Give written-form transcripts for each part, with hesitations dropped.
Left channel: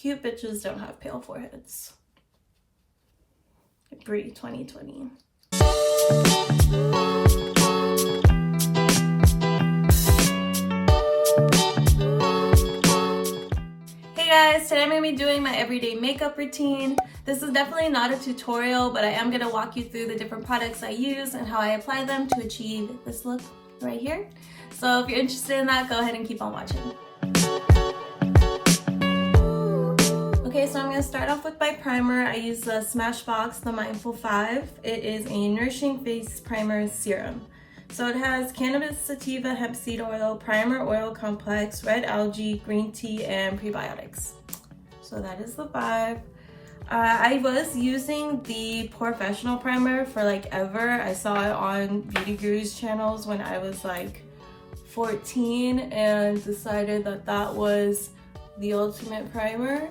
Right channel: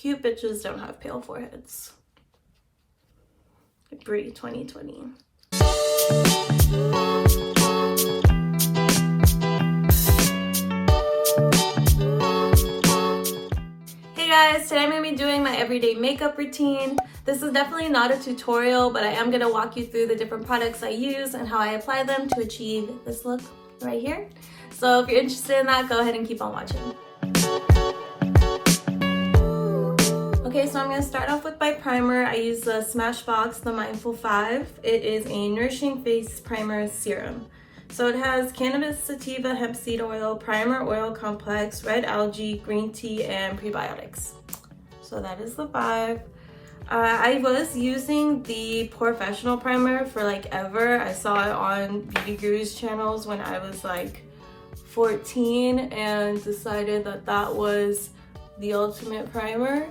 Cute bitches don't have pale foreheads. Brie 2020. Hey guys, today I'm going to be doing my everyday makeup routine. This is definitely not a tutorial, but I am going to walk you through the different products I use and how I apply them to achieve this look right here. So if you're interested in that, go ahead and keep on watching. Okay, so I'm going to start off with my primer. I use the Smashbox, the Mindful 5. It is a nourishing face primer serum. So it has cannabis sativa hemp seed oil, primer oil complex, red algae, green tea, and prebiotics. So that is the 5. I was using the Professional primer for like ever. I saw it on Beauty Guru's channels when I was like 14 and decided that that was the ultimate primer.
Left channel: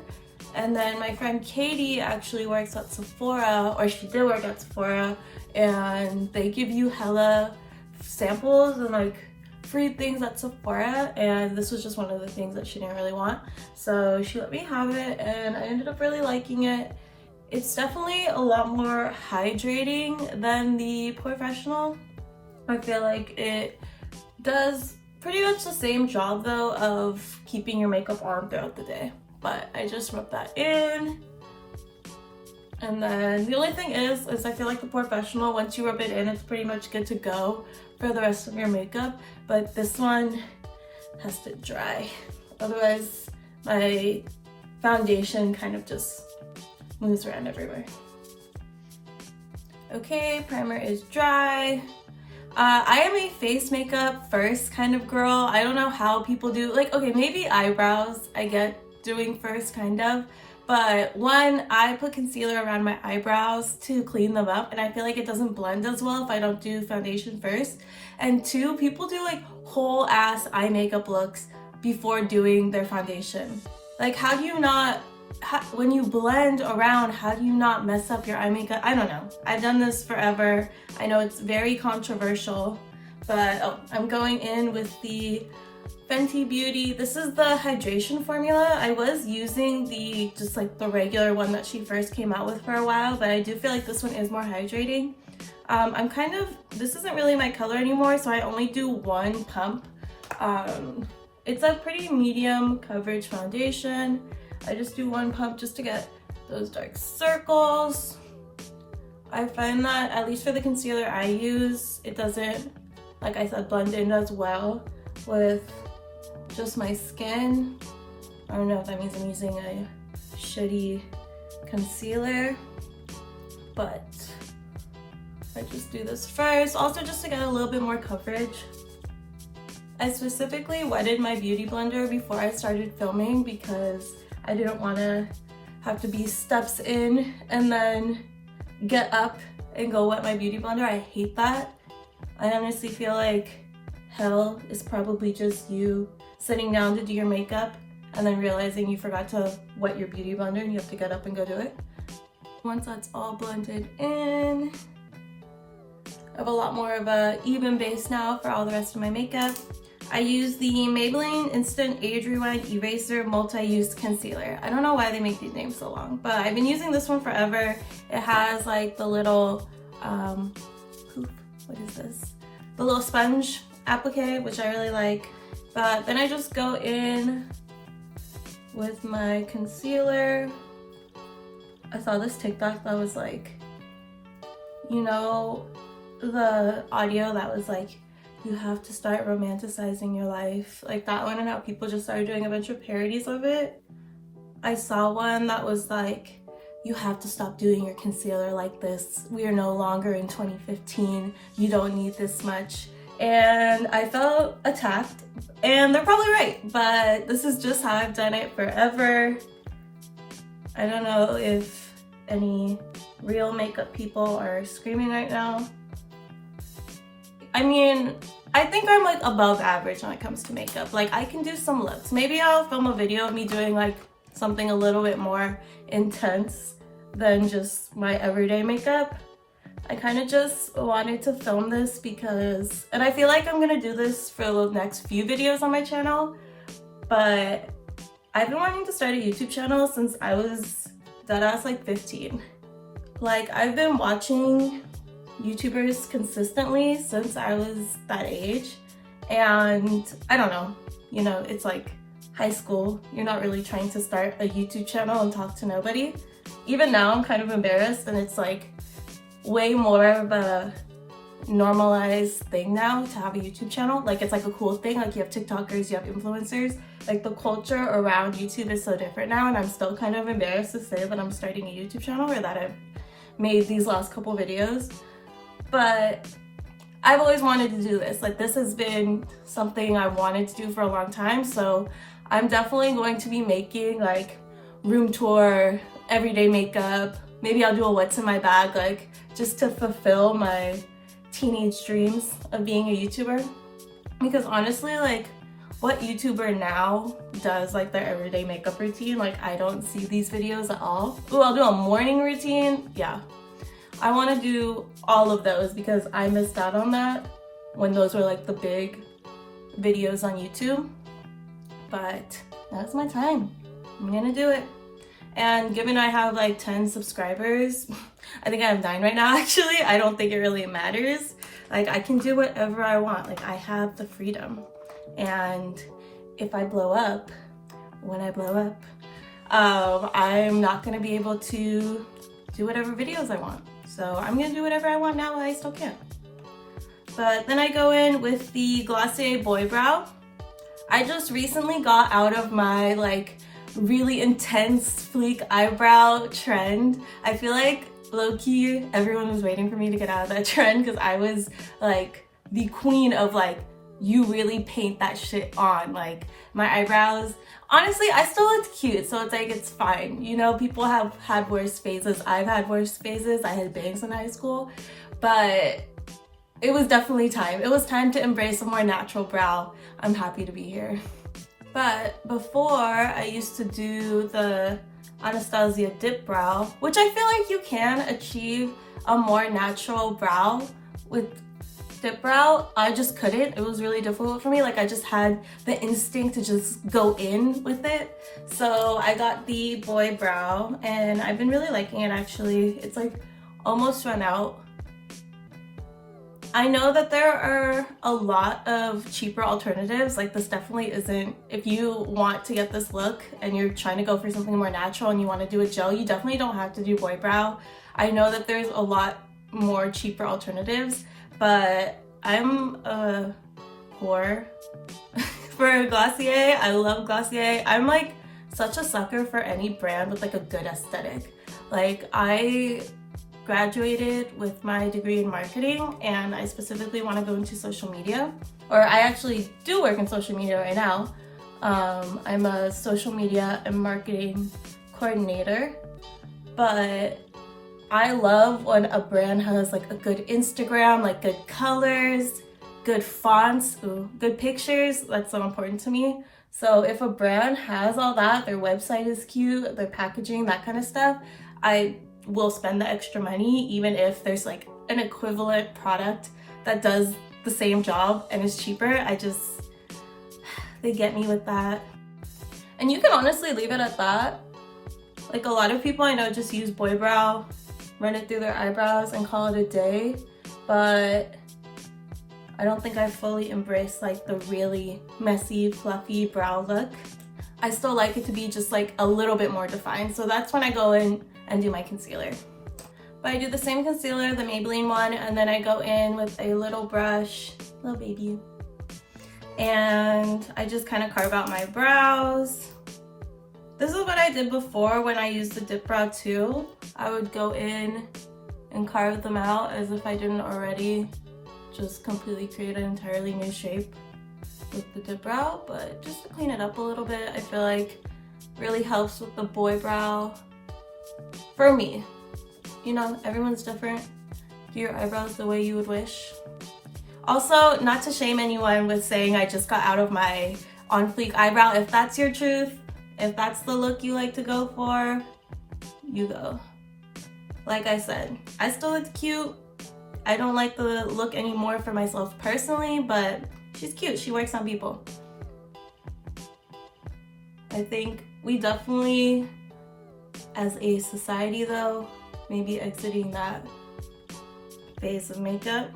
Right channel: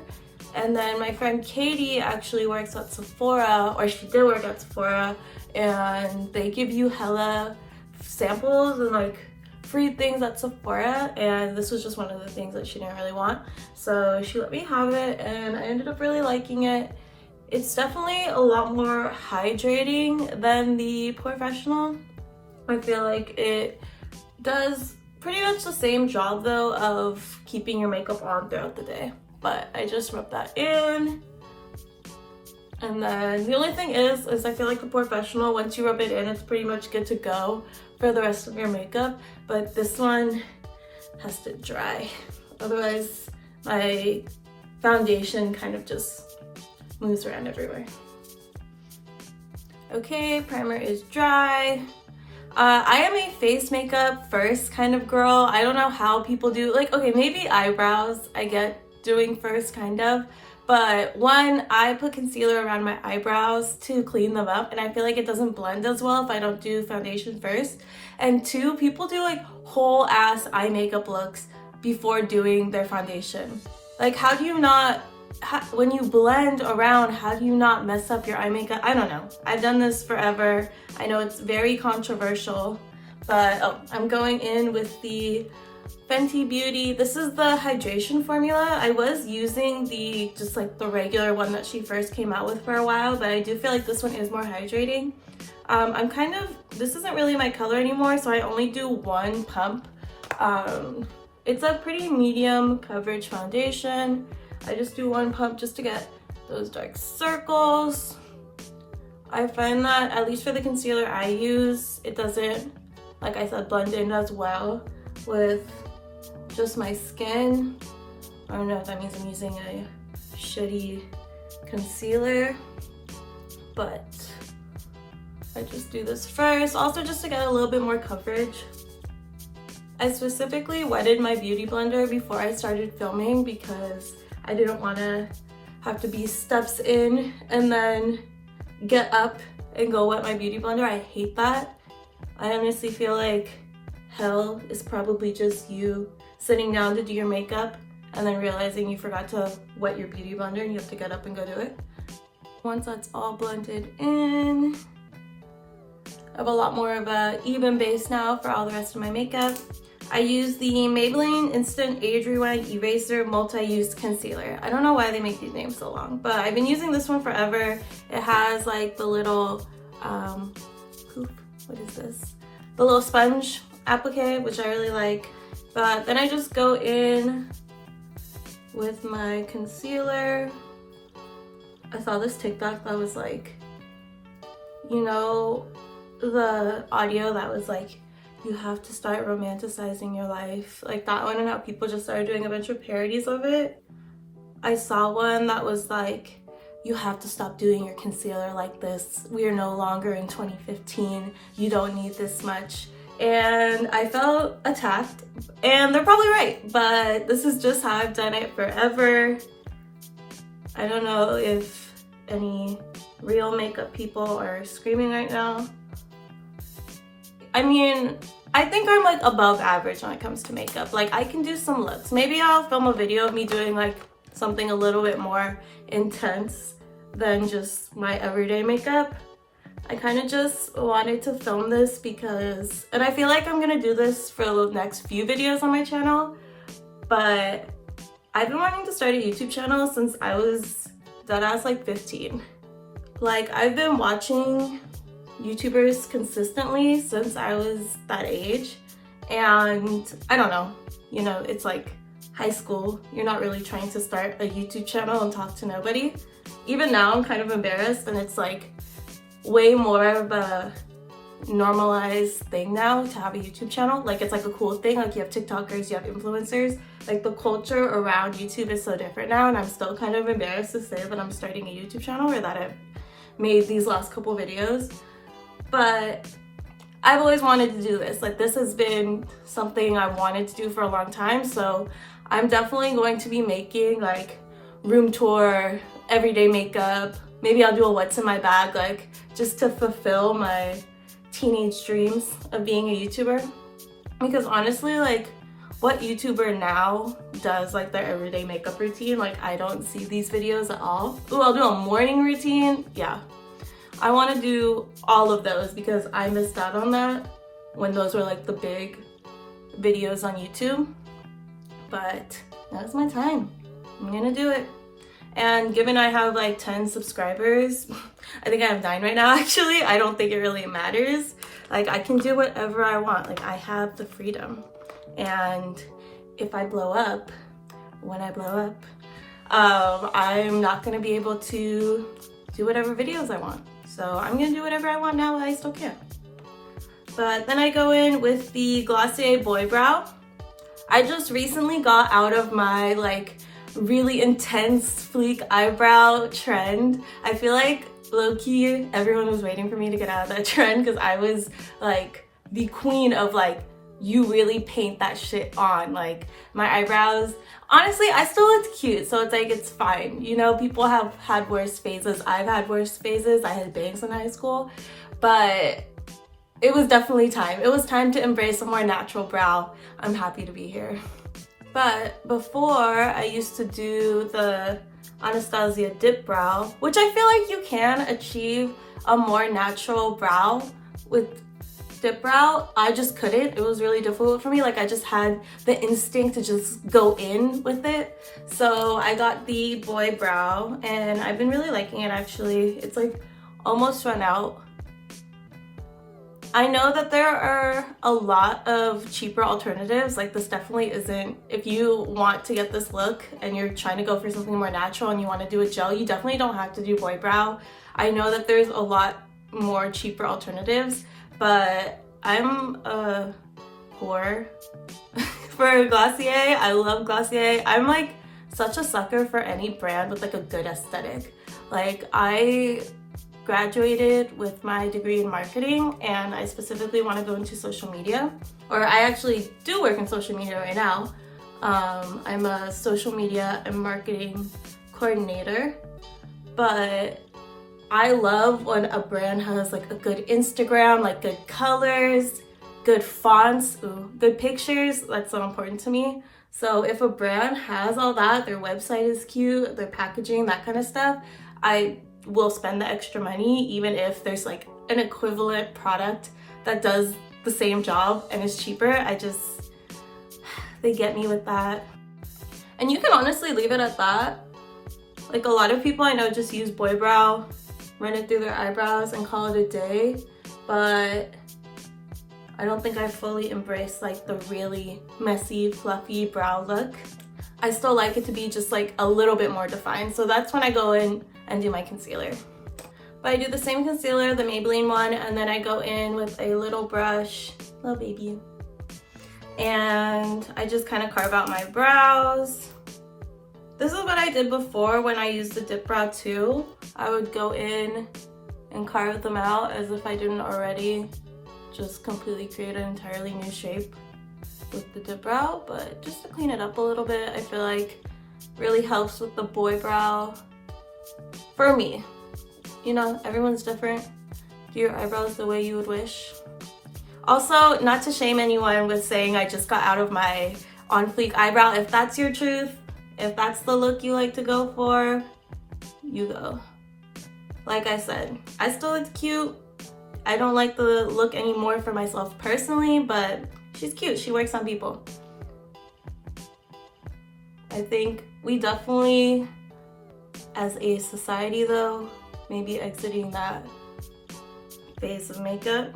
And then my friend Katie actually works at Sephora, or she did work at Sephora, and they give you hella samples and like free things at Sephora, and this was just one of the things that she didn't really want. So she let me have it and I ended up really liking it. It's definitely a lot more hydrating than the Professional. I feel like it does pretty much the same job though of keeping your makeup on throughout the day. But I just rub that in. And then the only thing is I feel like the Professional, once you rub it in, it's pretty much good to go for the rest of your makeup. But this one has to dry. Otherwise, my foundation kind of just moves around everywhere. Okay, primer is dry. I am a face makeup first kind of girl. I don't know how people do, like, okay, maybe eyebrows I get doing first kind of, but one, I put concealer around my eyebrows to clean them up, and I feel like it doesn't blend as well if I don't do foundation first. And two, people do like whole ass eye makeup looks before doing their foundation. Like, how do you not, when you blend around, how do you not mess up your eye makeup? I don't know. I've done this forever. I know it's very controversial, but oh, I'm going in with the Fenty Beauty. This is the hydration formula. I was using the just like the regular one that she first came out with for a while, but I do feel like this one is more hydrating. I'm kind of, this isn't really my color anymore, so I only do one pump. It's a pretty medium coverage foundation. I just do one pump just to get those dark circles. I find that, at least for the concealer I use, it doesn't, like I said, blend in as well with just my skin. I don't know if that means I'm using a shitty concealer, but I just do this first, also just to get a little bit more coverage. I specifically wetted my beauty blender before I started filming because I didn't want to have to be steps in and then get up and go wet my beauty blender. I hate that. I honestly feel like hell is probably just you sitting down to do your makeup and then realizing you forgot to wet your beauty blender and you have to get up and go do it. Once that's all blended in, I have a lot more of a even base now for all the rest of my makeup. I use the Maybelline Instant Age Rewind Eraser Multi-Use Concealer. I don't know why they make these names so long, but I've been using this one forever. It has like the little, what is this? The little sponge applique, which I really like. But then I just go in with my concealer. I saw this TikTok that was like, you know, the audio that was like, you have to start romanticizing your life, like that one, and how people just started doing a bunch of parodies of it. I saw one that was like, you have to stop doing your concealer like this. We are no longer in 2015. You don't need this much. And I felt attacked, and they're probably right, but this is just how I've done it forever. I don't know if any real makeup people are screaming right now. I mean, I think I'm like above average when it comes to makeup. Like, I can do some looks. Maybe I'll film a video of me doing like something a little bit more intense than just my everyday makeup. I kind of just wanted to film this because, and I feel like I'm gonna do this for the next few videos on my channel, but I've been wanting to start a YouTube channel since I was deadass like 15. Like, I've been watching YouTubers consistently since I was that age, and I don't know, you know, it's like high school, you're not really trying to start a YouTube channel and talk to nobody. Even now I'm kind of embarrassed, and it's like way more of a normalized thing now to have a YouTube channel. Like, it's like a cool thing. Like, you have TikTokers, you have influencers. Like, the culture around YouTube is so different now, and I'm still kind of embarrassed to say that I'm starting a YouTube channel or that I've made these last couple videos. But I've always wanted to do this. Like, this has been something I wanted to do for a long time, so I'm definitely going to be making like room tour, everyday makeup. Maybe I'll do a what's in my bag, like just to fulfill my teenage dreams of being a YouTuber. Because honestly, like, what YouTuber now does like their everyday makeup routine? Like, I don't see these videos at all. Ooh, I'll do a morning routine. Yeah, I want to do all of those because I missed out on that when those were like the big videos on YouTube. But now's my time. I'm gonna do it. And given I have like 10 subscribers, I think I have 9 right now actually, I don't think it really matters. Like, I can do whatever I want. Like, I have the freedom. And if I blow up, when I blow up, I'm not gonna be able to do whatever videos I want. So I'm gonna do whatever I want now while I still can. But then I go in with the Glossier Boy Brow. I just recently got out of my like really intense sleek eyebrow trend. I feel like low-key everyone was waiting for me to get out of that trend because I was like the queen of like, you really paint that shit on. Like, my eyebrows, honestly, I still look cute, so it's like, it's fine. You know, people have had worse phases. I've had worse phases. I had bangs in high school, but it was definitely time. It was time to embrace a more natural brow. I'm happy to be here. But before, I used to do the Anastasia dip brow, which I feel like you can achieve a more natural brow with dip brow. I just couldn't. It was really difficult for me. Like, I just had the instinct to just go in with it. So I got the boy brow, and I've been really liking it actually. It's like almost run out. I know that there are a lot of cheaper alternatives. Like, this definitely isn't, if you want to get this look and you're trying to go for something more natural and you want to do a gel, you definitely don't have to do boy brow. I know that there's a lot more cheaper alternatives, but I'm a whore for Glossier. I love Glossier. I'm like such a sucker for any brand with like a good aesthetic. Like, I graduated with my degree in marketing, and I specifically want to go into social media, or I actually do work in social media right now. I'm a social media and marketing coordinator, but I love when a brand has like a good Instagram, like good colors, good fonts, good pictures. That's so important to me. So if a brand has all that, their website is cute, their packaging, that kind of stuff, I will spend the extra money even if there's like an equivalent product that does the same job and is cheaper. They get me with that. And you can honestly leave it at that. Like, a lot of people I know just use boy brow, run it through their eyebrows and call it a day, but I don't think I fully embraced like the really messy, fluffy brow look. I still like it to be just like a little bit more defined, so that's when I go in and do my concealer. But I do the same concealer, the Maybelline one, and then I go in with a little brush, little baby, and I just kind of carve out my brows. This is what I did before when I used the dip brow too. I would go in and carve them out as if I didn't already just completely create an entirely new shape with the dip brow, but just to clean it up a little bit, I feel like really helps with the boy brow. For me, you know, everyone's different. Do your eyebrows the way you would wish. Also, not to shame anyone with saying I just got out of my on fleek eyebrow. If that's your truth, if that's the look you like to go for, you go. Like I said, I still look cute. I don't like the look anymore for myself personally, but she's cute. She works on people. I think we definitely, as a society though, maybe exiting that phase of makeup.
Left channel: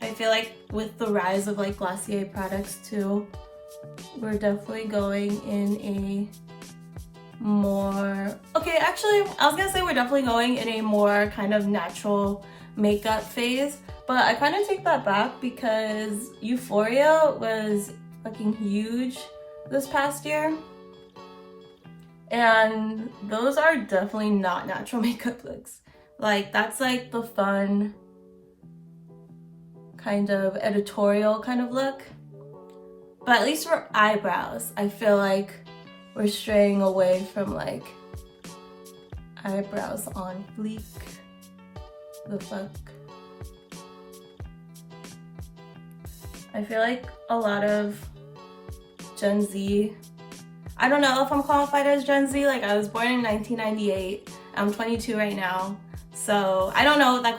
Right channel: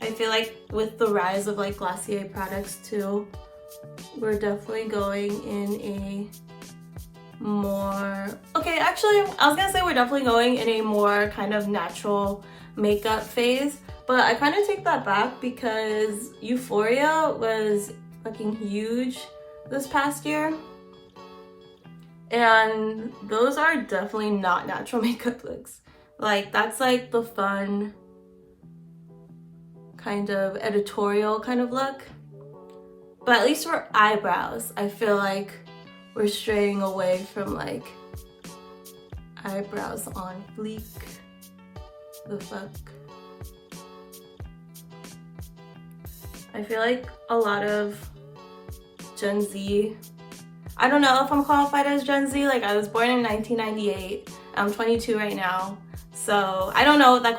I feel like with the rise of like Glossier products too, we're definitely going in a more, okay, actually I was gonna say we're definitely going in a more kind of natural makeup phase, but I kind of take that back because Euphoria was fucking huge this past year, and those are definitely not natural makeup looks. Like that's like the fun kind of editorial kind of look, but at least for eyebrows I feel like we're straying away from like eyebrows on fleek. The fuck? I feel like a lot of Gen Z, I don't know if I'm qualified as Gen Z, like I was born in 1998, I'm 22 right now, so I don't know if that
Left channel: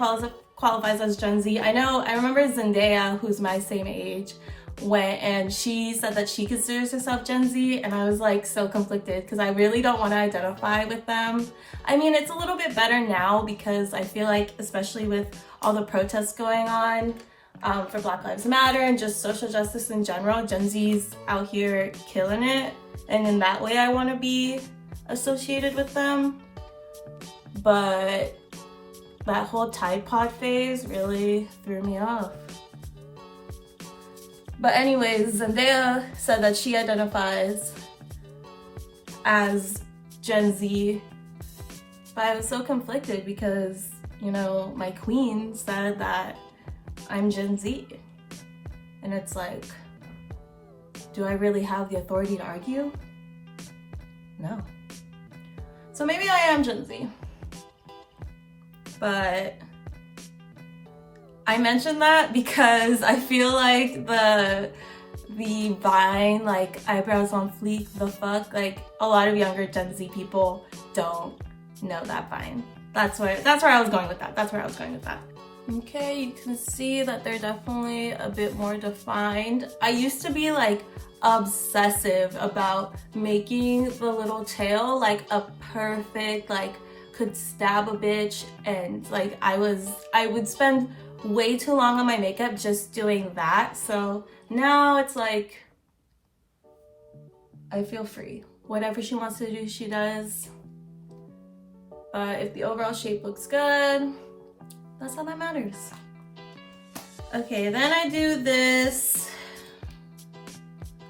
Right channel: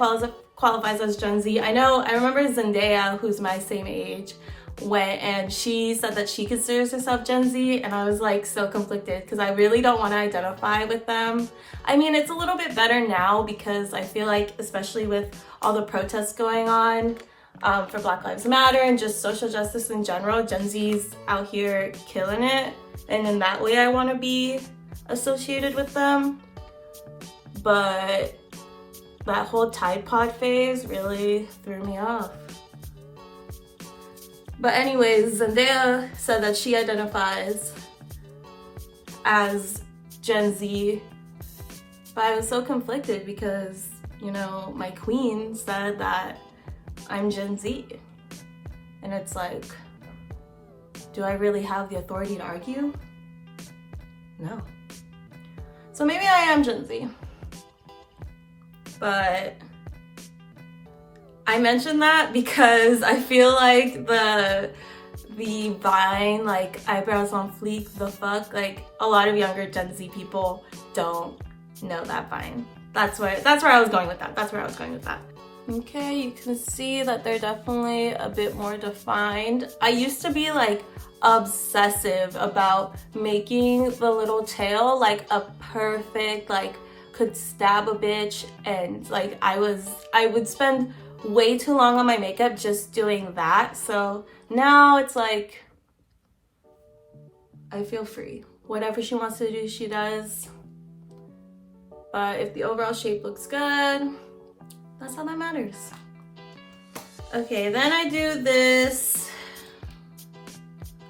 qualifies as Gen Z. I remember Zendaya, who's my same age, went and she said that she considers herself Gen Z, and I was like so conflicted because I really don't want to identify with them. I mean, it's a little bit better now because I feel like, especially with all the protests going on for Black Lives Matter and just social justice in general, Gen Z's out here killing it, and in that way I want to be associated with them. But that whole Tide Pod phase really threw me off. But anyways, Zendaya said that she identifies as Gen Z, but I was so conflicted because, you know, my queen said that I'm Gen Z. And it's like, do I really have the authority to argue? No. So maybe I am Gen Z. But I mentioned that because I feel like the Vine, like eyebrows on fleek, the fuck, like a lot of younger Gen Z people don't know that Vine. That's where I was going with that. That's where I was going with that. Okay, you can see that they're definitely a bit more defined. I used to be like obsessive about making the little tail like a perfect, like could stab a bitch, and like I would spend way too long on my makeup just doing that. So now it's like I feel free. Whatever she wants to do, she does. But if the overall shape looks good, that's all that matters. Okay, then I do this.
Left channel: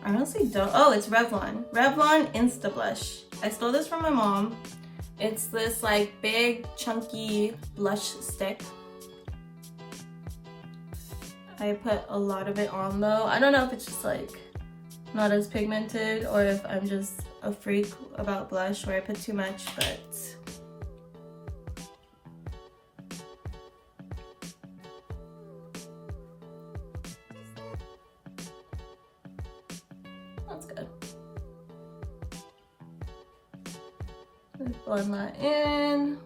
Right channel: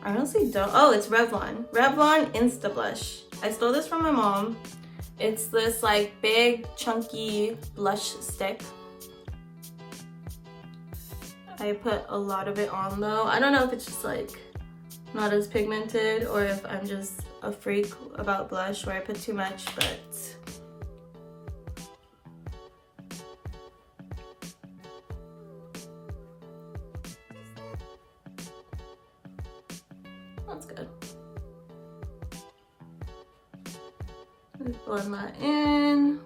I honestly don't. Oh, it's Revlon. Revlon Insta-Blush. I stole this from my mom. It's this like big chunky blush stick. I put a lot of it on though. I don't know if it's just like not as pigmented or if I'm just a freak about blush where I put too much, but that's good. Let's blend that in.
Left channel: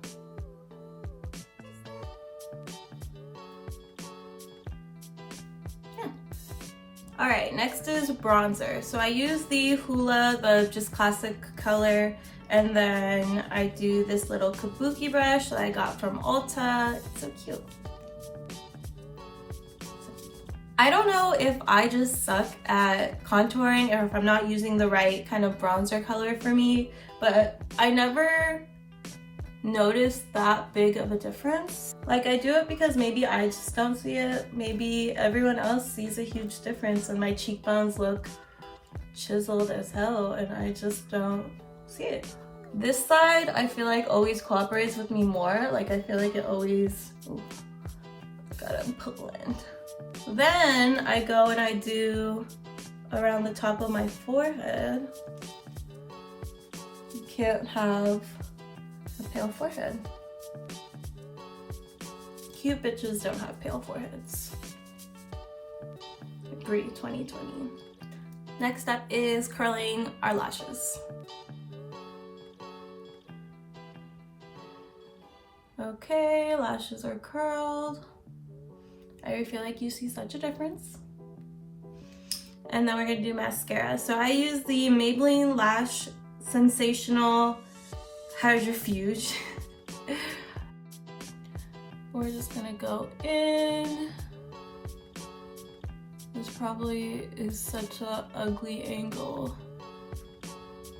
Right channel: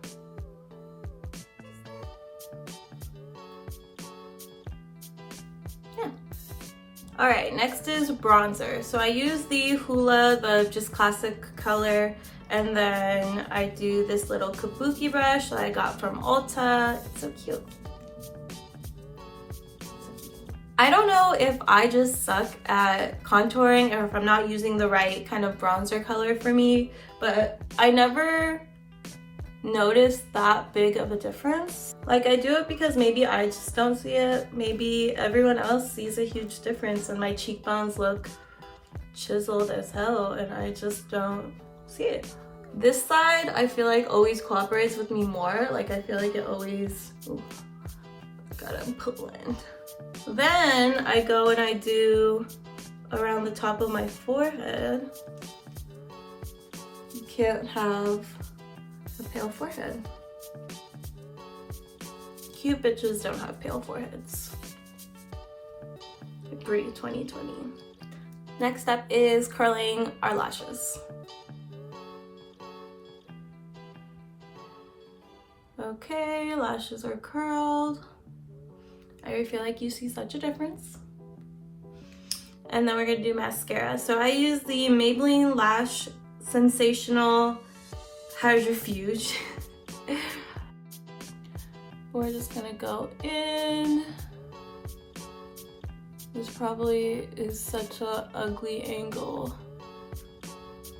All right, next is bronzer. So I use the Hoola, the just classic color, and then I do this little kabuki brush that I got from Ulta. It's so cute. I don't know if I just suck at contouring or if I'm not using the right kind of bronzer color for me, but I never noticed that big of a difference. Like I do it because maybe I just don't see it. Maybe everyone else sees a huge difference and my cheekbones look chiseled as hell and I just don't see it. This side I feel like always cooperates with me more. Like I feel like it always, ooh, gotta blend. Then I go and I do around the top of my forehead. You can't have a pale forehead. Cute bitches don't have pale foreheads. Agree, 2020. Next up is curling our lashes. Okay, lashes are curled. I feel like you see such a difference. and then we're gonna do mascara. So I use the Maybelline Lash Sensational Hydrofuge. We're just gonna go in. This probably is such an ugly angle.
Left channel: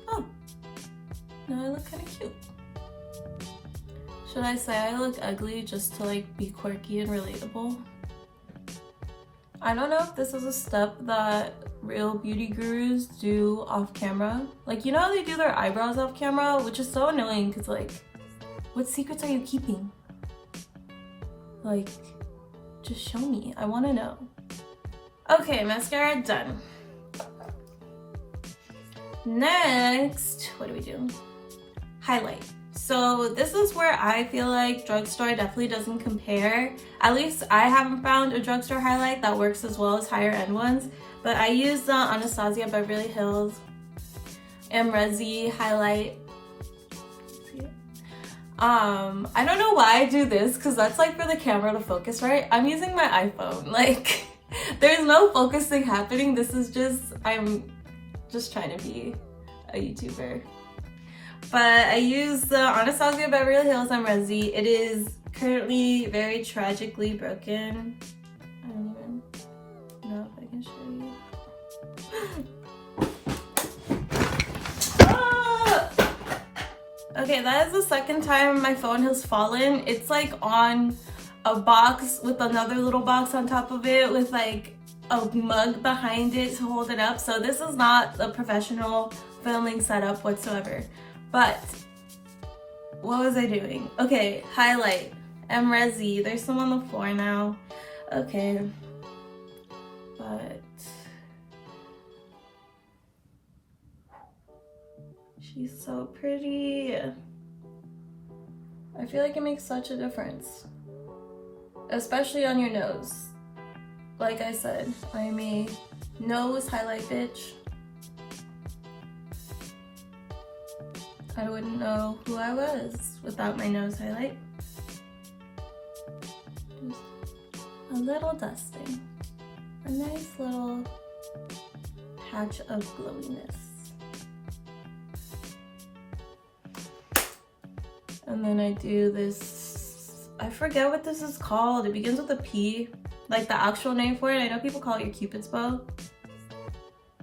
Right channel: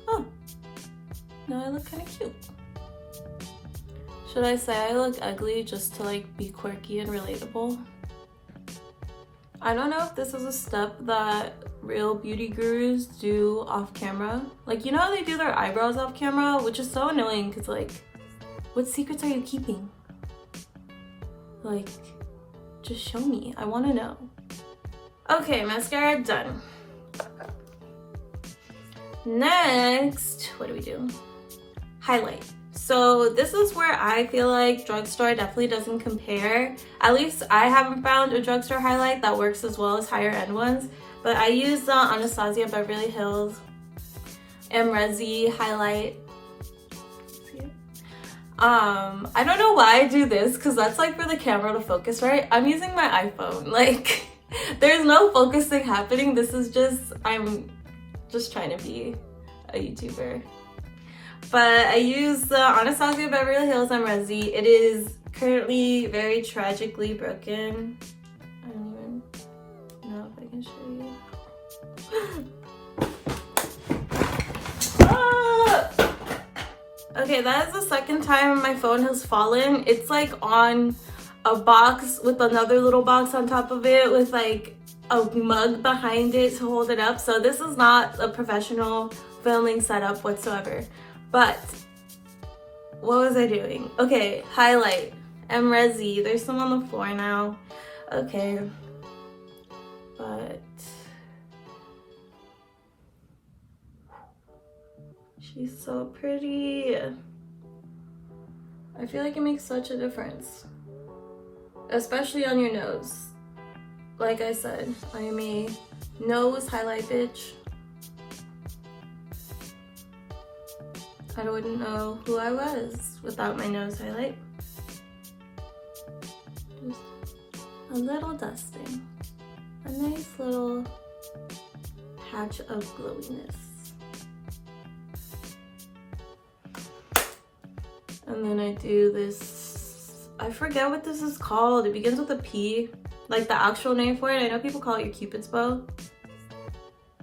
Oh, now I look kind of cute. Should I say I look ugly just to like be quirky and relatable? I don't know if this is a step that real beauty gurus do off camera. Like, you know how they do their eyebrows off camera? Which is so annoying because like, what secrets are you keeping? Like, just show me. I want to know. Okay, mascara done. Next, what do we do? Highlight. So this is where I feel like drugstore definitely doesn't compare. At least I haven't found a drugstore highlight that works as well as higher end ones. But I use the Anastasia Beverly Hills Amrezy highlight. I don't know why I do this because that's like for the camera to focus, right? I'm using my iPhone. Like, there's no focusing happening. This is just, I'm just trying to be a YouTuber. But I use the Anastasia Beverly Hills Amrezy. It is currently very tragically broken. I don't even know if I can show you. Ah! Okay, that is the second time my phone has fallen. It's like on a box with another little box on top of it with like a mug behind it to hold it up. So this is not a professional filming setup whatsoever. But what was I doing? Okay, highlight. Amrezy. There's some on the floor now. Okay. But she's so pretty. I feel like it makes such a difference. Especially on your nose. Like I said, I'm a nose highlight bitch. I wouldn't know who I was without my nose highlight. Just a little dusting. A nice little patch of glowiness. And then I do this, I forget what this is called. It begins with a P, like the actual name for it. I know people call it your Cupid's bow.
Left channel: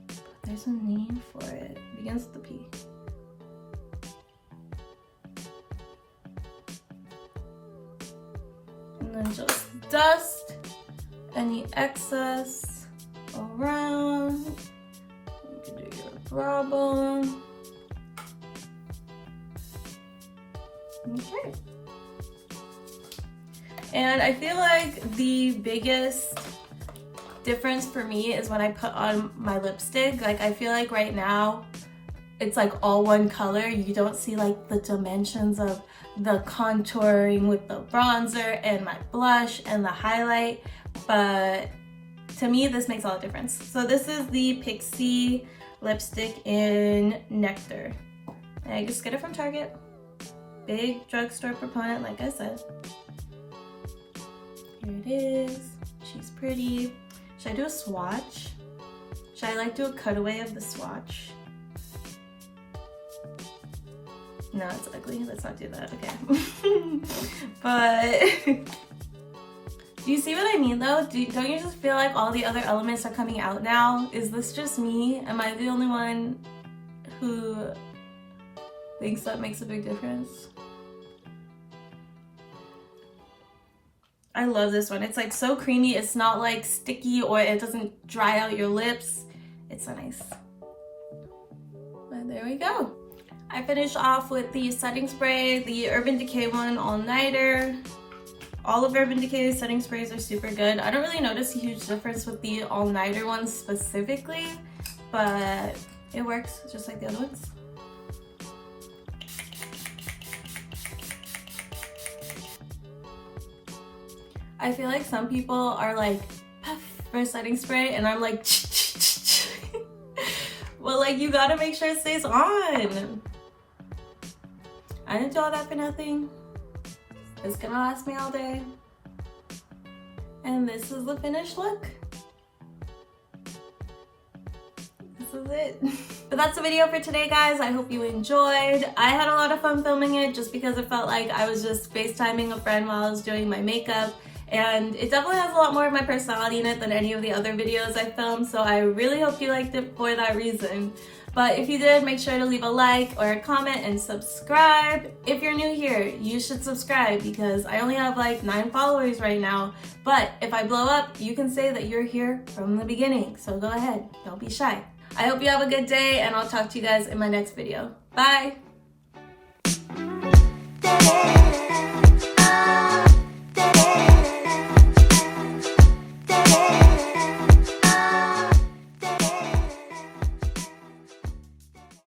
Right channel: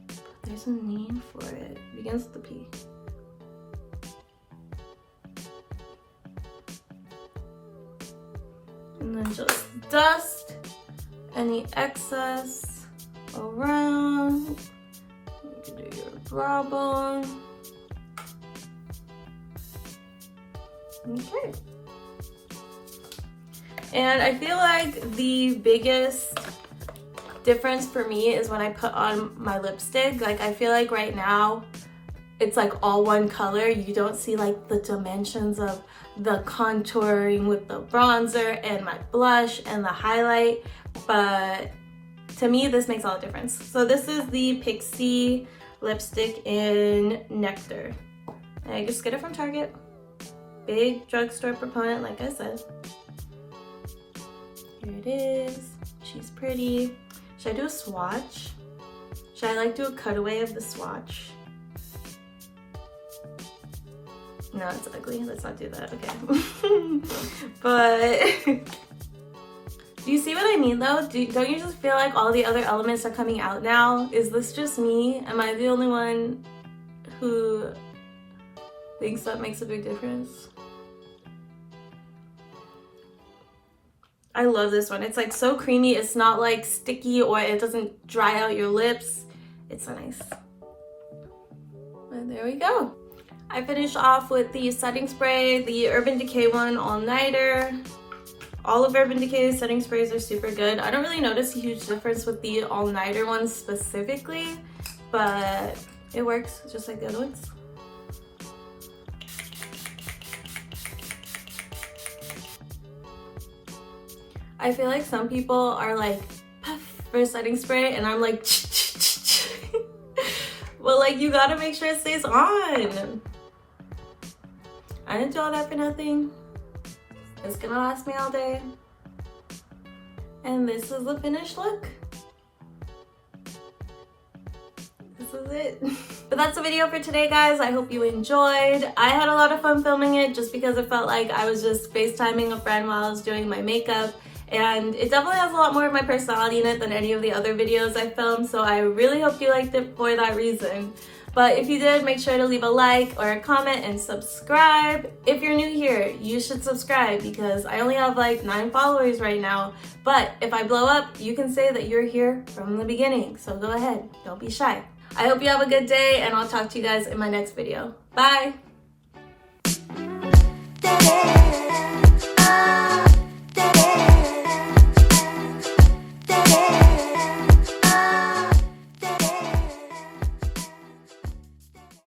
But there's a name for it. It begins with a P. And then just dust any excess around. You can do your brow bone. Okay. And I feel like the biggest difference for me is when I put on my lipstick. Like, I feel like right now it's like all one color. You don't see like the dimensions of the contouring with the bronzer and my blush and the highlight, but to me this makes all the difference. So this is the Pixi lipstick in Nectar, and I just get it from Target. Big drugstore proponent, like I said. Here it is. She's pretty. Should I do a swatch? Should I like do a cutaway of the swatch? No, it's ugly. Let's not do that. Okay. But do you see what I mean though? Don't you just feel like all the other elements are coming out now? Is this just me? Am I the only one who thinks that makes a big difference? I love this one. It's like so creamy. It's not like sticky or it doesn't dry out your lips. It's so nice. And there we go. I finished off with the setting spray, the Urban Decay one, All Nighter. All of Urban Decay's setting sprays are super good. I don't really notice a huge difference with the All Nighter one specifically, but it works just like the other ones. I feel like some people are like, puff for setting spray, and I'm like, well, like, you gotta make sure it stays on. I didn't do all that for nothing. It's gonna last me all day. And this is the finished look. was it. But that's the video for today, guys. I hope you enjoyed. I had a lot of fun filming it just because it felt like I was just FaceTiming a friend while I was doing my makeup. And it definitely has a lot more of my personality in it than any of the other videos I filmed, so I really hope you liked it for that reason. But if you did, make sure to leave a like or a comment and subscribe. If you're new here, you should subscribe because I only have like 9 followers right now. But if I blow up, you can say that you're here from the beginning. So go ahead, don't be shy. I hope you have a good day and I'll talk to you guys in my next video. Bye!